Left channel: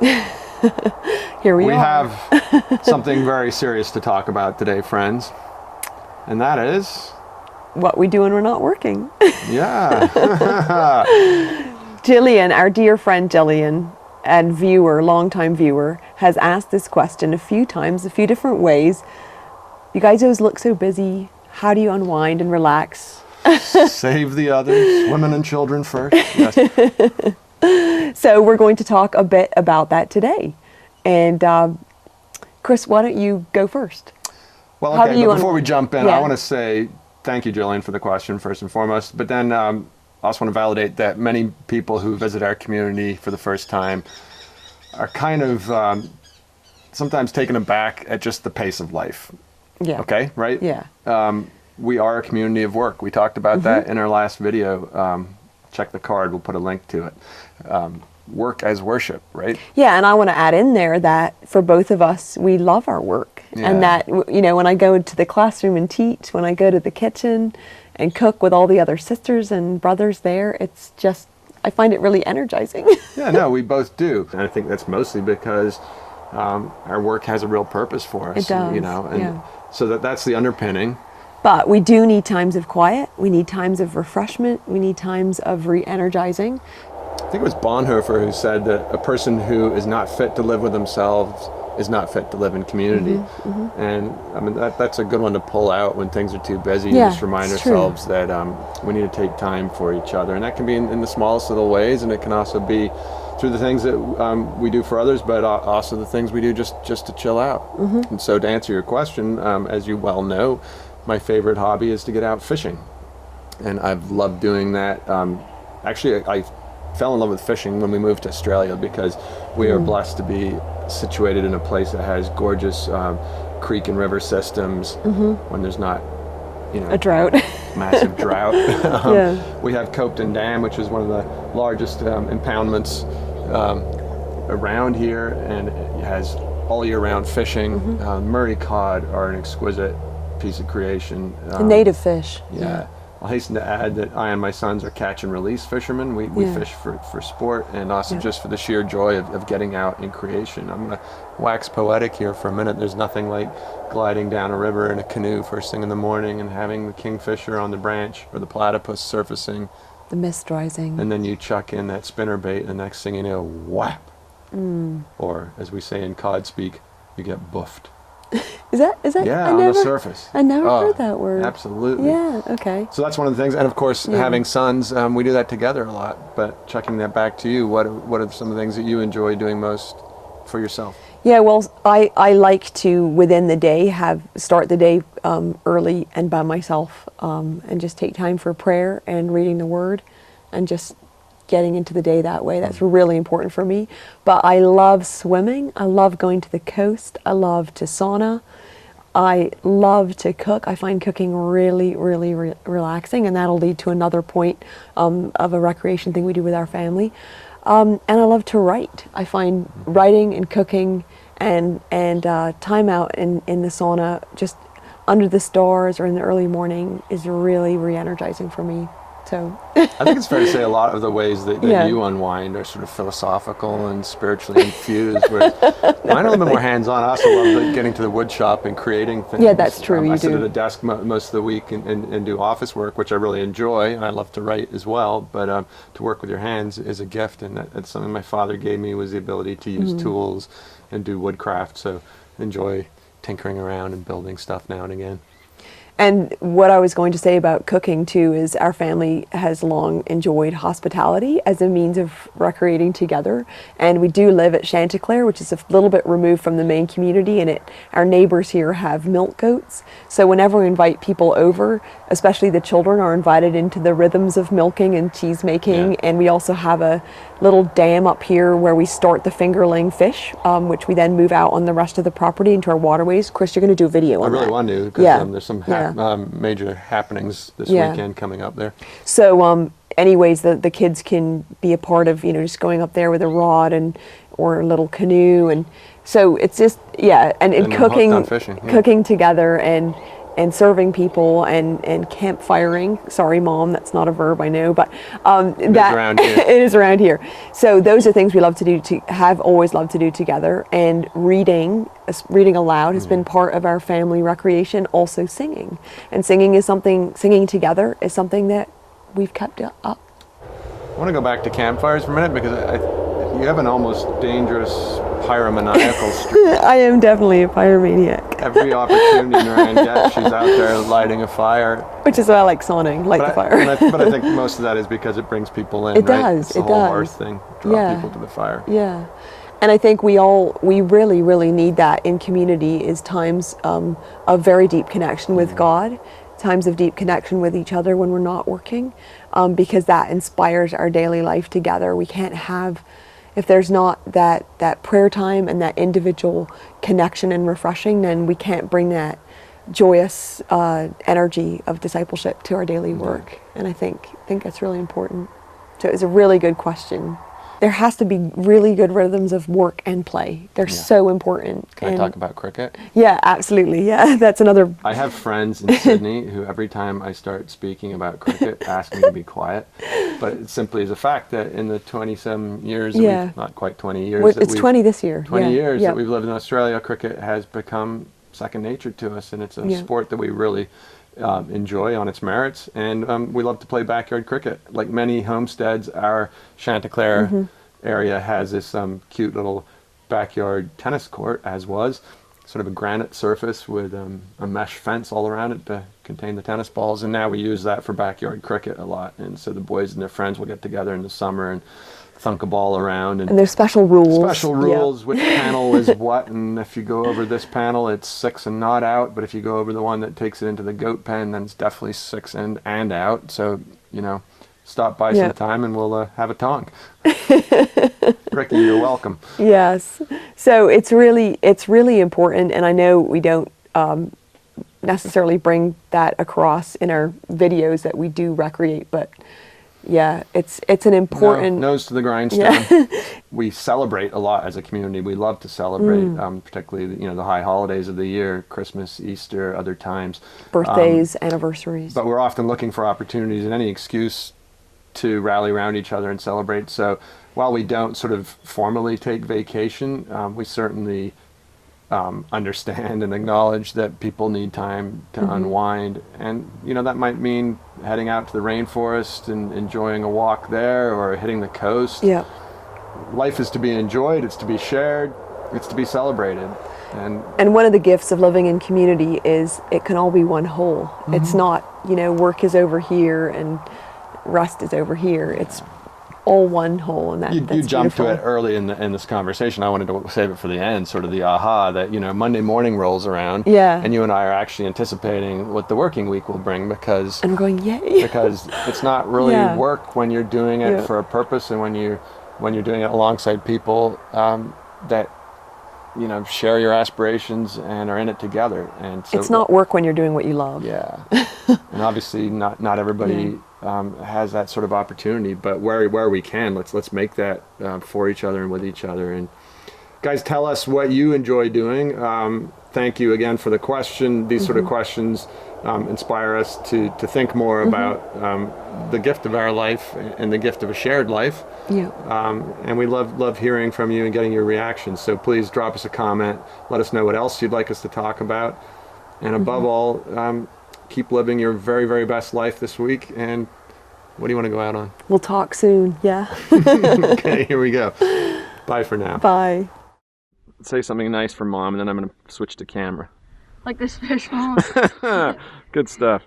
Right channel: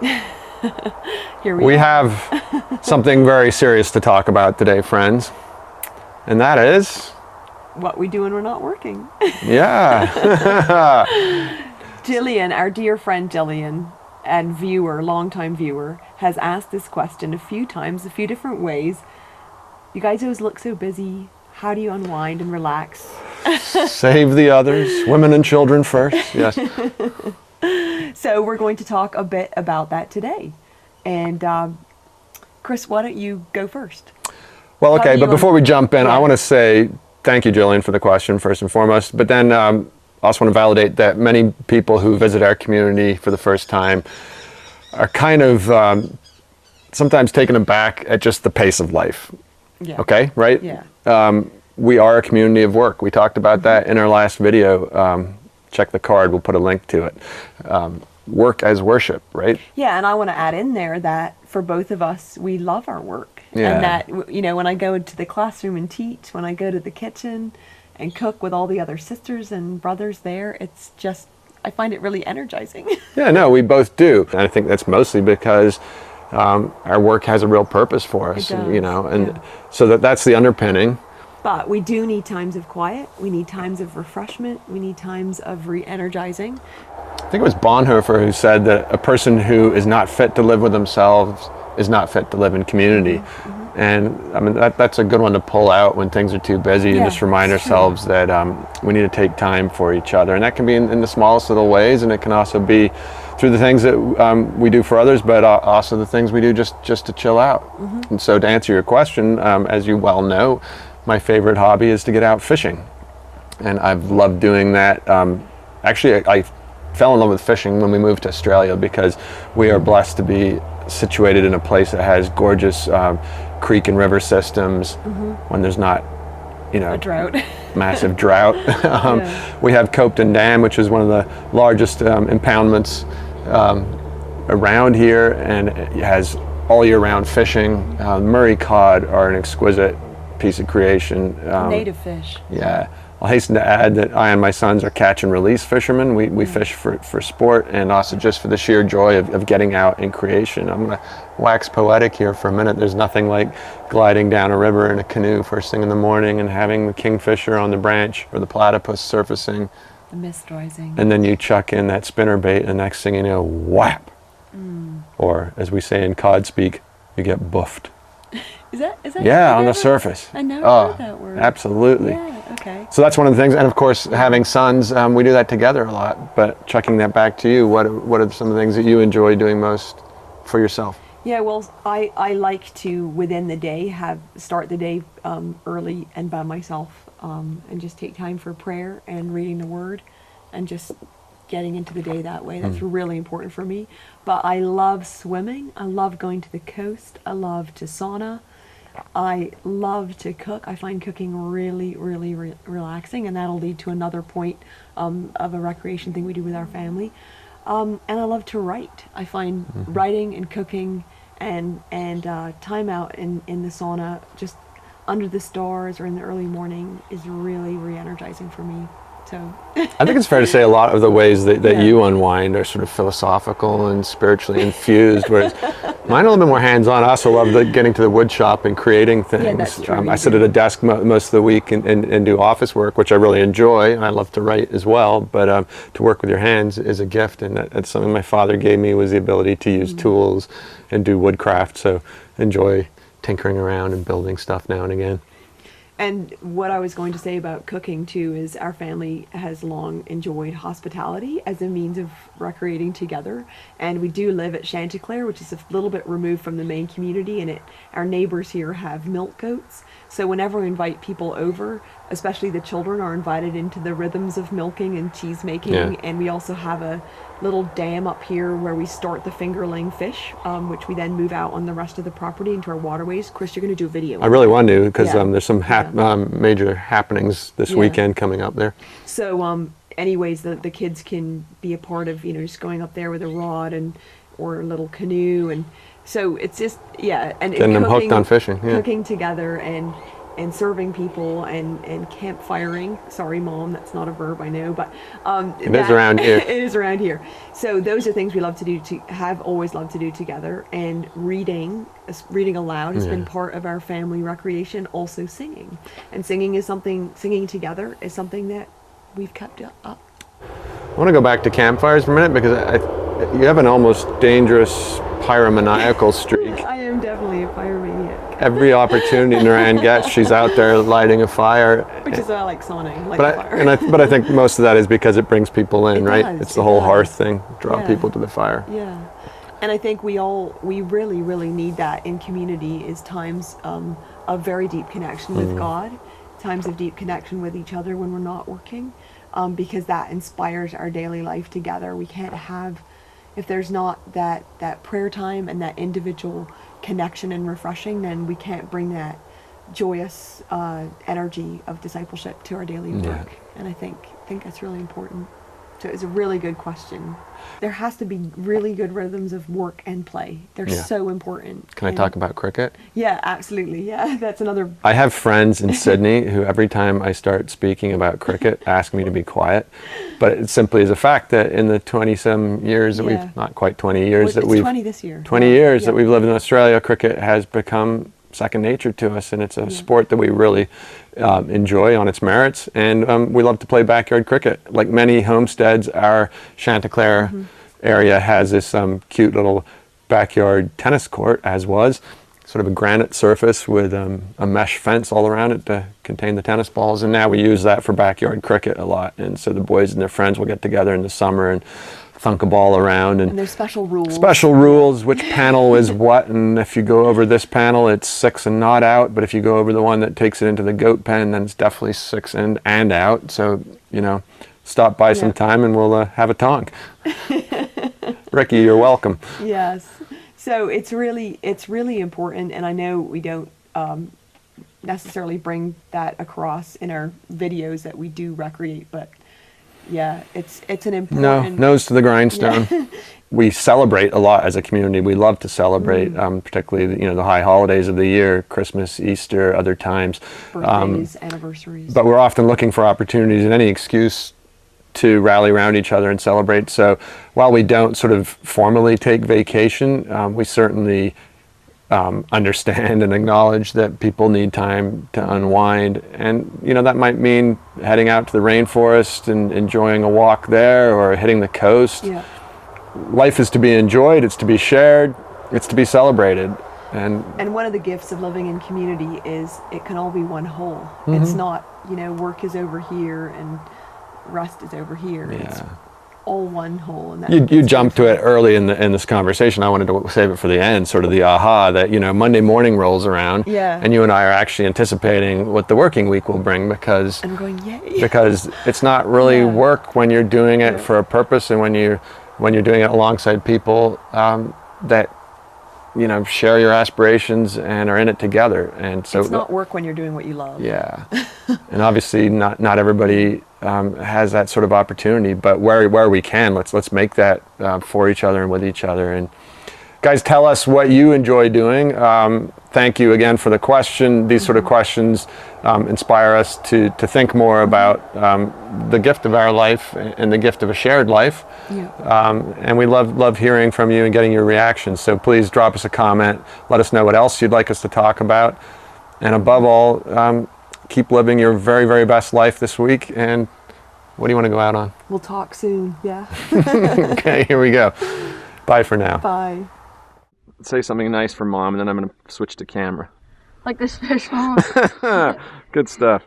Here we We are. have something very serious to talk about today, friends. And that is, What we do when we're not working. yeah. Jillian, our dear friend Jillian, and viewer, longtime viewer, has asked this question a few times, a few different ways. You guys always look so busy. How do you unwind and relax? Save the others, women and children first. Yes. So we're going to talk a bit about that today. And Chris, why don't you go first? Well, How okay, do you but before we jump in, Yeah. I want to say thank you, Jillian, for the question, first and foremost. But then I also want to validate that many people who visit our community for the first time are kind of sometimes taken aback at just the pace of life. Yeah. Okay, right? Yeah. We are a community of work. We talked about that in our last video. Check the card, we'll put a link to it. Work as worship, right? Yeah, and I want to add in there that for both of us, we love our work. Yeah. And that, you know, when I go to the classroom and teach, when I go to the kitchen and cook with all the other sisters and brothers there, it's just, I find it really energizing. Yeah, no, we both do. And I think that's mostly because our work has a real purpose for us. It does, You know, and yeah. so that's the underpinning. But we do need times of quiet. We need times of refreshment. We need times of re-energizing. I think it was Bonhoeffer who said that a person who is not fit to live with themselves is not fit to live in community. And I mean, that's a good one to pull out when things are too busy and Yeah, just remind it's true. ourselves that we need to take time for each other. And that can be in the smallest little ways, and it can also be through the things that we do for others, but also the things we do just to chill out. And so to answer your question, as you well know, my favorite hobby is to get out fishing. And I've loved doing that. Actually, I fell in love with fishing when we moved to Australia because we are blessed to be situated in a place that has gorgeous creek and river systems when there's not, you know, A drought. massive drought. Yeah. We have Copton Dam, which is one of the largest impoundments around here, and it has all year round fishing. Murray cod are an exquisite piece of creation. Native fish. Yeah. I'll hasten to add that I and my sons are catch and release fishermen. We fish for sport and also just for the sheer joy of getting out in creation. I'm going to wax poetic here for a minute. There's nothing like gliding down a river in a canoe first thing in the morning and having the kingfisher on the branch or the platypus surfacing. The mist rising. And then you chuck in that spinner bait and the next thing you know, whap. Or as we say in cod speak, you get buffed. Is that? Yeah, I on the never- surface. I never heard that word. Absolutely. Yeah, okay. So that's one of the things, and of course, having sons, we do that together a lot. But chucking that back to you, what are some of the things that you enjoy doing most for yourself? Yeah, well, I like to, within the day, start the day early and by myself and just take time for prayer and reading the Word and just getting into the day that way. That's really important for me. But I love swimming. I love going to the coast. I love to sauna. I love to cook. I find cooking really, really relaxing, and that'll lead to another point of a recreation thing we do with our family. And I love to write. I find writing and cooking and time out in the sauna, just under the stars or in the early morning, is really re-energizing for me. So I think it's fair to say a lot of the ways that Yeah. you unwind are sort of philosophical and spiritually infused, whereas mine are a little bit more hands-on. I also love getting to the wood shop and creating things. Yeah, that's true, I you sit do. at a desk most of the week and do office work, which I really enjoy, and I love to write as well, but to work with your hands is a gift, and that's something my father gave me, was the ability to use tools and do woodcraft, so enjoy tinkering around and building stuff now and again. And what I was going to say about cooking too is our family has long enjoyed hospitality as a means of recreating together. And we do live at Chanticleer, which is a little bit removed from the main community, and our neighbors here have milk goats. So whenever we invite people over, especially the children are invited into the rhythms of milking and cheese making. Yeah. And we also have a little dam up here where we start the fingerling fish, which we then move out on the rest of the property into our waterways. Chris, you're going to do a video on I really that. want to, because Yeah. there's some Yeah. major happenings this Yeah. weekend coming up there. So anyways, the kids can be a part of, just going up there with a rod or a little canoe. And so it's just, and And then hooked cooking, on fishing, yeah. cooking together and and serving people and campfiring. Sorry, Mom, that's not a verb, I know, but It is around here. it is around here. So those are things we love to do, have always loved to do together. And reading aloud has been part of our family recreation. Also singing, and singing together is something that we've kept up. I want to go back to campfires for a minute because you have an almost dangerous pyromaniacal streak. I am definitely a pyromaniac. Every opportunity Naran gets, she's out there lighting a fire. Which is why I like sauning, light the fire. But I think most of that is because it brings people in, It right? does, It's the it whole does. hearth thing, draw Yeah. people to the fire. Yeah. And I think we really, really need that in community, is times of very deep connection with God, times of deep connection with each other when we're not working, because that inspires our daily life together. We can't have, if there's not that prayer time and that individual connection and refreshing, then we can't bring that joyous energy of discipleship to our daily work. And I think that's really important. So it was a really good question. There has to be really good rhythms of work and play. They're so important. Can I talk about cricket? Yeah, absolutely. Yeah, that's another. I have friends in Sydney who every time I start speaking about cricket ask me to be quiet. But it simply is a fact that in the 20-some years, that we've, not quite 20 years, that It's we've 20 this year. 20 years that we've lived in Australia, cricket has become second nature to us, and it's a sport that we really enjoy on its merits, and we love to play backyard cricket. Like many homesteads, our Chanticleer area has this cute little backyard tennis court, as was, sort of a granite surface with a mesh fence all around it to contain the tennis balls, and now we use that for backyard cricket a lot. And so the boys and their friends will get together in the summer and thunk a ball around, and there's special rules. Special rules, which panel is what, and if you go over this panel, it's 6 and not out, but if you go over the one that takes it into the goat pen, then it's definitely 6 and out. So, stop by sometime and we'll have a tonk. Ricky, you're welcome. Yes. So it's really important, and I know we don't necessarily bring that across in our videos that we do recreate, but yeah, it's an important. Nose to the grindstone. We celebrate a lot as a community. We love to celebrate, particularly the high holidays of the year, Christmas, Easter, other times, birthdays, anniversaries. But we're often looking for opportunities and any excuse to rally around each other and celebrate. So while we don't sort of formally take vacation, we certainly understand and acknowledge that people need time to unwind, and that might mean heading out to the rainforest and enjoying a walk there, or hitting the coast. Yeah. Life is to be enjoyed, it's to be shared, it's to be celebrated. And one of the gifts of living in community is it can all be one whole. It's not, work is over here and rest is over here. It's all one whole, and you jumped to it early in this conversation. I wanted to save it for the end, sort of the aha that Monday morning rolls around, and you and I are actually anticipating what the working week will bring, because I'm going, yay. Because it's not really work when you're doing it for a purpose, and when you're doing it alongside people that share your aspirations and are in it together. And so it's not work when you're doing what you love. Yeah. And obviously not everybody has that sort of opportunity, but where we can, let's make that for each other and with each other. And guys, tell us what you enjoy doing. Thank you again for the question. These sort of questions inspire us to think more about the gift of our life and the gift of a shared life. And we love hearing from you and getting your reactions. So please drop us a comment. Let us know what else you'd like us to talk about. And above all, keep living your very, very best life this week. And what do you want to go out on? We'll talk soon, yeah. Okay, here we go. Bye for now. Bye. Say something nice for Mom, and then I'm going to switch to camera. Like this fish mom. Good stuff.